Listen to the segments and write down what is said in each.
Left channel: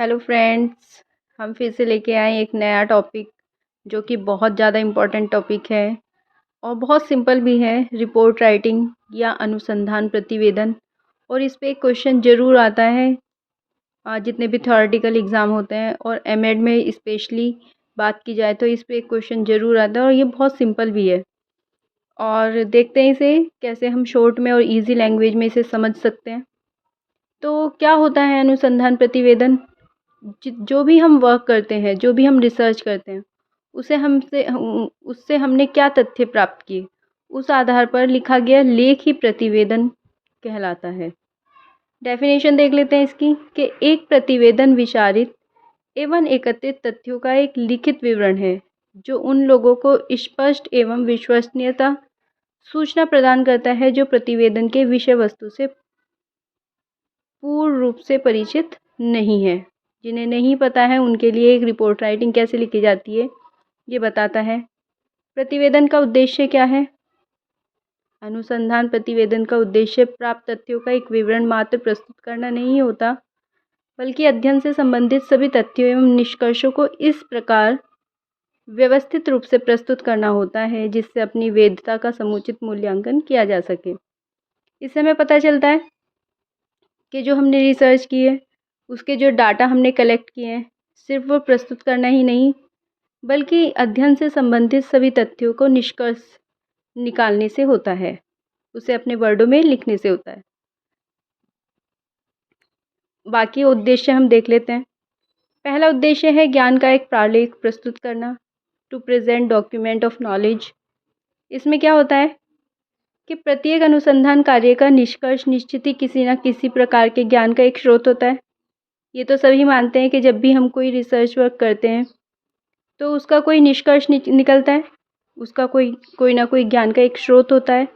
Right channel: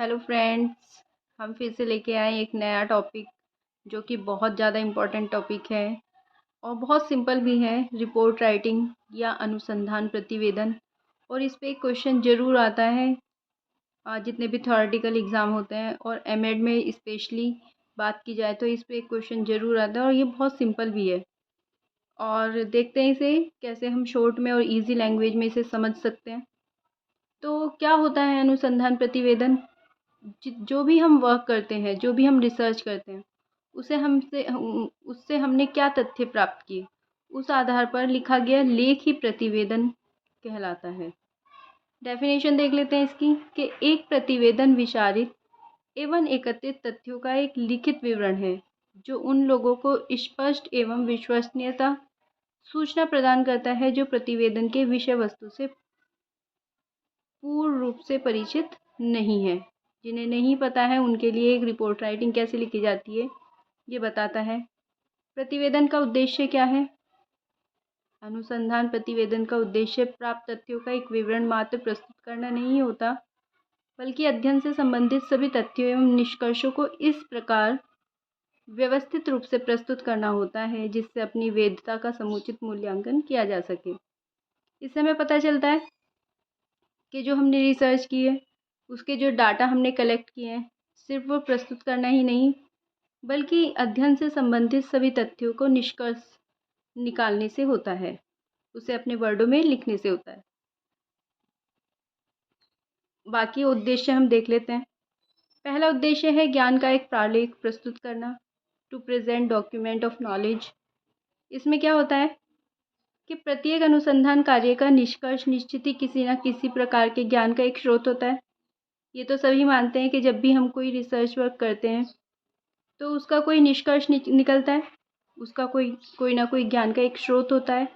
Hello friends. हम फिर से लेके आए एक नया टॉपिक जो कि बहुत ज़्यादा इम्पोर्टेंट टॉपिक है और बहुत सिंपल भी है। रिपोर्ट राइटिंग या अनुसंधान प्रतिवेदन। और इस पे एक क्वेश्चन ज़रूर आता है जितने भी थ्योरेटिकल एग्ज़ाम होते हैं और एमएड में स्पेशली बात की जाए तो इस पे एक क्वेश्चन ज़रूर आता है और ये बहुत सिंपल भी है। और देखते हैं इसे कैसे हम शॉर्ट में और इजी लैंग्वेज में इसे समझ सकते हैं। तो क्या होता है अनुसंधान प्रतिवेदन? जो भी हम वर्क करते हैं, जो भी हम रिसर्च करते हैं, उससे हमने क्या तथ्य प्राप्त किए, उस आधार पर लिखा गया लेख ही प्रतिवेदन कहलाता है। डेफिनेशन देख लेते हैं इसकी कि एक प्रतिवेदन विचारित एवं एकत्रित तथ्यों का एक लिखित विवरण है जो उन लोगों को स्पष्ट एवं विश्वसनीयता सूचना प्रदान करता है जो प्रतिवेदन के विषय वस्तु से पूर्ण रूप से परिचित नहीं है। जिन्हें नहीं पता है उनके लिए एक रिपोर्ट राइटिंग कैसे लिखी जाती है ये बताता है। प्रतिवेदन का उद्देश्य क्या है? अनुसंधान प्रतिवेदन का उद्देश्य प्राप्त तथ्यों का एक विवरण मात्र प्रस्तुत करना नहीं होता, बल्कि अध्ययन से संबंधित सभी तथ्यों एवं निष्कर्षों को इस प्रकार व्यवस्थित रूप से प्रस्तुत करना होता है जिससे अपनी वैधता का समुचित मूल्यांकन किया जा सके। इससे हमें पता चलता है कि जो हमने रिसर्च की है, उसके जो डाटा हमने कलेक्ट किए हैं, सिर्फ वो प्रस्तुत करना ही नहीं, बल्कि अध्ययन से संबंधित सभी तथ्यों को निष्कर्ष निकालने से होता है, उसे अपने वर्डों में लिखने से होता है। बाकी उद्देश्य हम देख लेते हैं। पहला उद्देश्य है ज्ञान का एक प्रालेख प्रस्तुत करना, to present document of knowledge. इसमें क्या होता है कि प्रत्येक अनुसंधान कार्य का निष्कर्ष निश्चित ही किसी न किसी प्रकार के ज्ञान का एक स्रोत होता है। ये तो सभी मानते हैं कि जब भी हम कोई रिसर्च वर्क करते हैं तो उसका कोई निष्कर्ष निकलता है, उसका कोई कोई ना कोई ज्ञान का एक स्रोत होता है।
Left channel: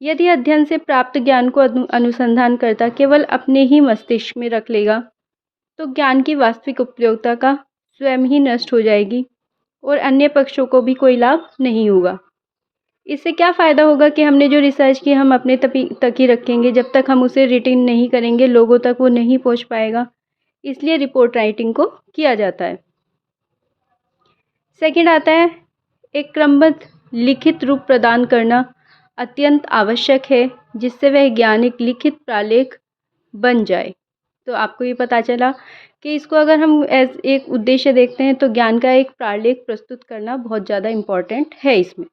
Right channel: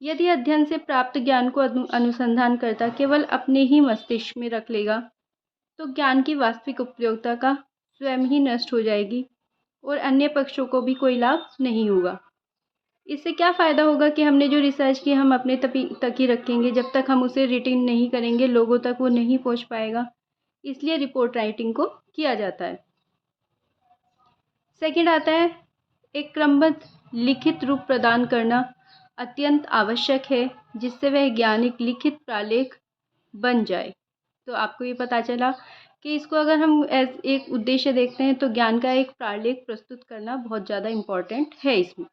यदि अध्ययन से प्राप्त ज्ञान को अनुसंधानकर्ता केवल अपने ही मस्तिष्क में रख लेगा तो ज्ञान की वास्तविक उपयोगिता का स्वयं ही नष्ट हो जाएगी और अन्य पक्षों को भी कोई लाभ नहीं होगा। इससे क्या फ़ायदा होगा कि हमने जो रिसर्च की हम अपने तक ही रखेंगे, जब तक हम उसे रिटेन नहीं करेंगे लोगों तक वो नहीं पहुंच पाएगा। इसलिए रिपोर्ट राइटिंग को किया जाता है। सेकंड आता है एक क्रमबद्ध लिखित रूप प्रदान करना अत्यंत आवश्यक है जिससे वह ज्ञान एक लिखित प्रालेख बन जाए। तो आपको ये पता चला कि इसको अगर हम एज एक उद्देश्य देखते हैं तो ज्ञान का एक प्रालेख प्रस्तुत करना बहुत ज़्यादा इम्पोर्टेंट है इसमें।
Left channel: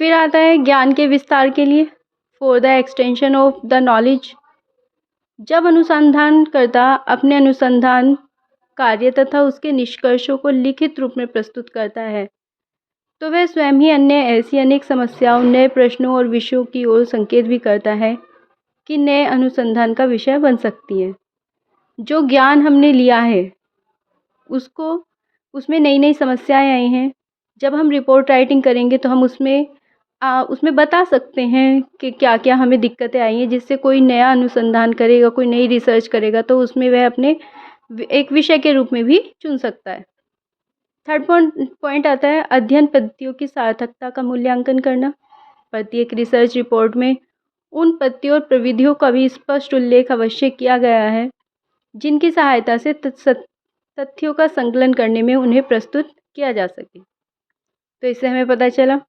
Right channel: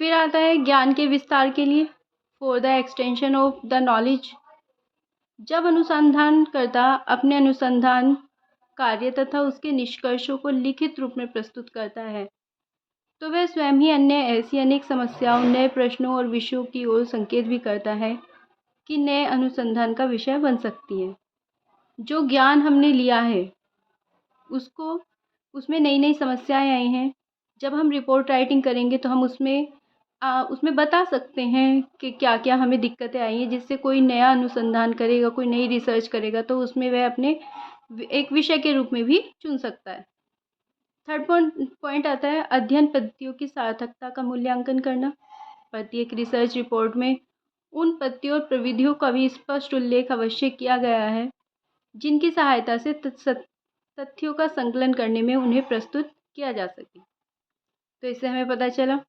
फिर आता है ज्ञान के विस्तार के लिए, for the extension of the knowledge. जब अनुसंधानकर्ता अपने अनुसंधान कार्य तथा उसके निष्कर्षों को लिखित रूप में प्रस्तुत करता है तो वह स्वयं ही अन्य ऐसी अनेक समस्याओं, नए प्रश्नों और विषयों की ओर संकेत भी करता है कि नए अनुसंधान का विषय बन सकती हैं। जो ज्ञान हमने लिया है उसको उसमें नई नई समस्याएं आई हैं। जब हम रिपोर्ट राइटिंग करेंगे तो हम उसमें बता सकते हैं कि क्या क्या हमें दिक्कतें आई हैं, जिससे कोई नया अनुसंधान करेगा, कोई नई रिसर्च करेगा तो उसमें वह अपने एक विषय के रूप में भी चुन सकता है। थर्ड पॉइंट आता है अध्ययन पद्धतियों की सार्थकता का मूल्यांकन करना। प्रत्येक रिसर्च रिपोर्ट में उन पद्धतियों और प्रविधियों का भी स्पष्ट उल्लेख अवश्य किया गया है जिनकी सहायता से तथ्यों का संकलन करने में उन्हें प्रस्तुत किया जा सके। तो इससे हमें पता चला।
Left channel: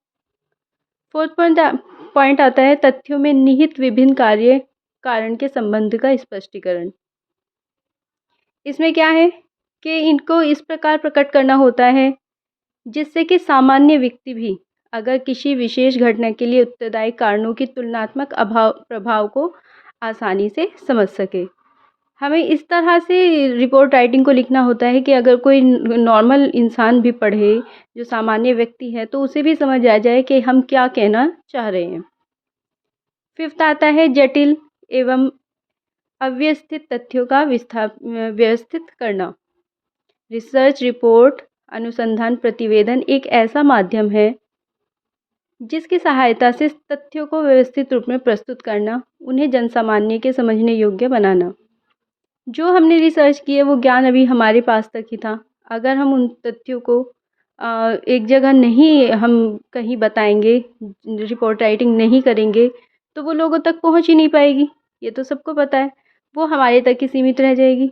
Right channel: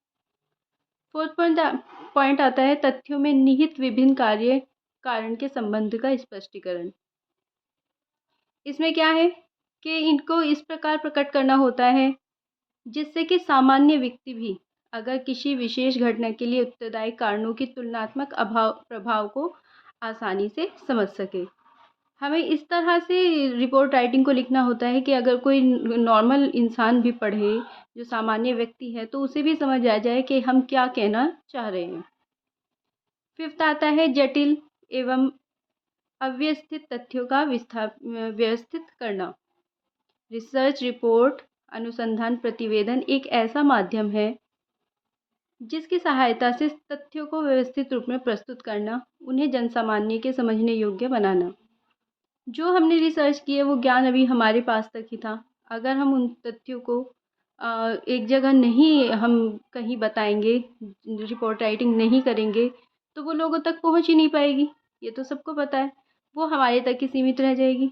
फोर्थ पॉइंट आता है तथ्यों में निहित विभिन्न कार्य कारण के संबंध का स्पष्टीकरण। इसमें क्या है कि इनको इस प्रकार प्रकट करना होता है जिससे कि सामान्य व्यक्ति भी अगर किसी विशेष घटना के लिए उत्तरदायी कारणों की तुलनात्मक प्रभाव को आसानी से समझ सके। हमें इस तरह से रिपोर्ट राइटिंग को लिखना होता है कि अगर कोई नॉर्मल इंसान भी पढ़े, जो सामान्य व्यक्ति है, तो उसे भी समझ आ जाए कि हम क्या कहना चाह रहे हैं। फिफ्थ आता है जटिल एवं अव्यवस्थित तथ्यों का व्यवस्थित करना। रिसर्च रिपोर्ट अनुसंधान प्रतिवेदन एक ऐसा माध्यम है जिसकी सहायता से तथ्यों को व्यवस्थित रूप में प्रस्तुत करना, उन्हें जनसामान्य के समझने योग्य बनाना। जो हमने रिसर्च की है वो ज्ञान अभी हमारे पास तक ही था। अगर हम उन तथ्यों को एक जगह नहीं हम कहीं बताएंगे, रिपोर्ट राइटिंग नहीं करेंगे तो वो लोगों तक पहुंच ही नहीं पाएगी, ये तो सबको पता है, वो हमारे तक ही सीमित रह जाएगी।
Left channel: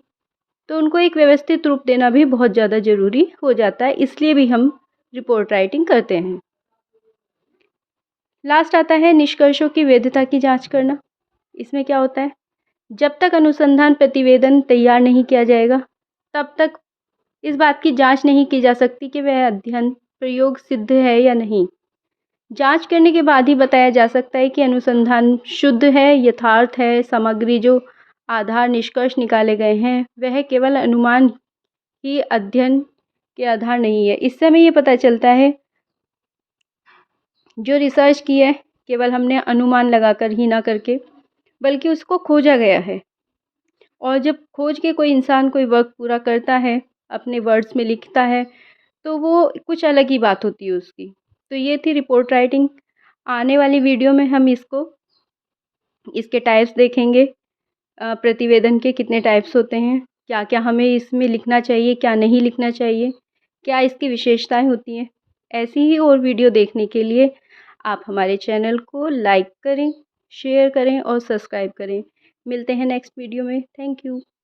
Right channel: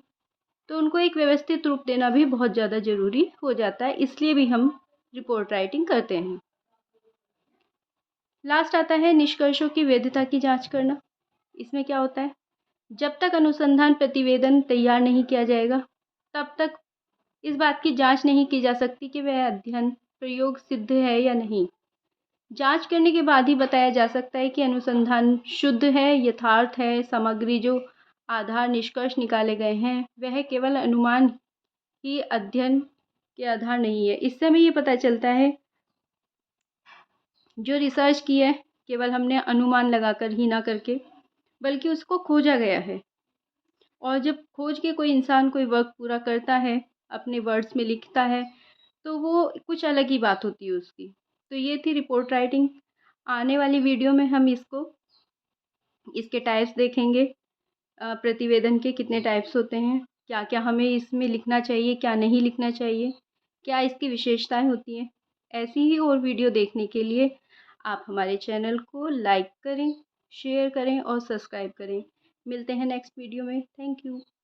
तो उनको एक व्यवस्थित रूप देना भी बहुत ज़्यादा ज़रूरी हो जाता है, इसलिए भी हम रिपोर्ट राइटिंग करते हैं। लास्ट आता है निष्कर्षों की वैधता की जांच करना। इसमें क्या होता है, जब तक अनुसंधान प्रतिवेदन तैयार नहीं किया जाएगा, तब तक इस बात की जांच नहीं की जा सकती कि वह अध्ययन प्रयोग सिद्ध है या नहीं। जांच करने के बाद ही बताया जा सकता है कि अनुसंधान शुद्ध है, यथार्थ है। सामग्री जो आधार निष्कर्ष निकाले गए हैं वह केवल अनुमान ही अध्ययन के आधार नहीं है। इससे हमें ये पता चलता है जो रिसर्च की है केवल हमने अनुमान लगाकर ही ना करके, बल्कि उसको खोजा गया है। और जब खोज के कोई इंसान कोई वर्क पूरा करता है, अपने वर्ड्स में लिखता है, तो वो कुछ अलग ही बात होती है उसकी। तो ये थी रिपोर्ट राइटिंग। आने वाली वीडियो में हम इसके टाइप्स देखेंगे। प्रतिवेदन के कितने टाइप्स होते हैं, क्या क्या हमें इसमें लिखना चाहिए, क्या नहीं लिखना चाहिए, क्या इसकी विशेषताएं होती हैं। ऐसी ही और वीडियो देखने के लिए आप हमारे चैनल को लाइक करें, शेयर करें और सब्सक्राइब करें। मिलते हैं नेक्स्ट वीडियो में। Thank you.